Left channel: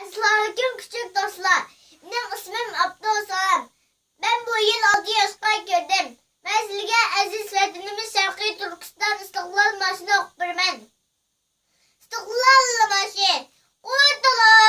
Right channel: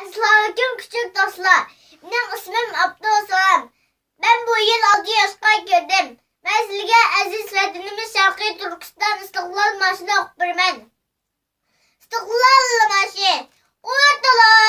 Selamünaleyküm küçük dostlar. Benim ismim Abdülselam. Ben bu yıl 6 yaşına girdim. Ben sizge aziz vatanimiz Şarkı Türkistan İstiklal Marşı'nı okuyayım. İstiklal Marşı. Kurtuluş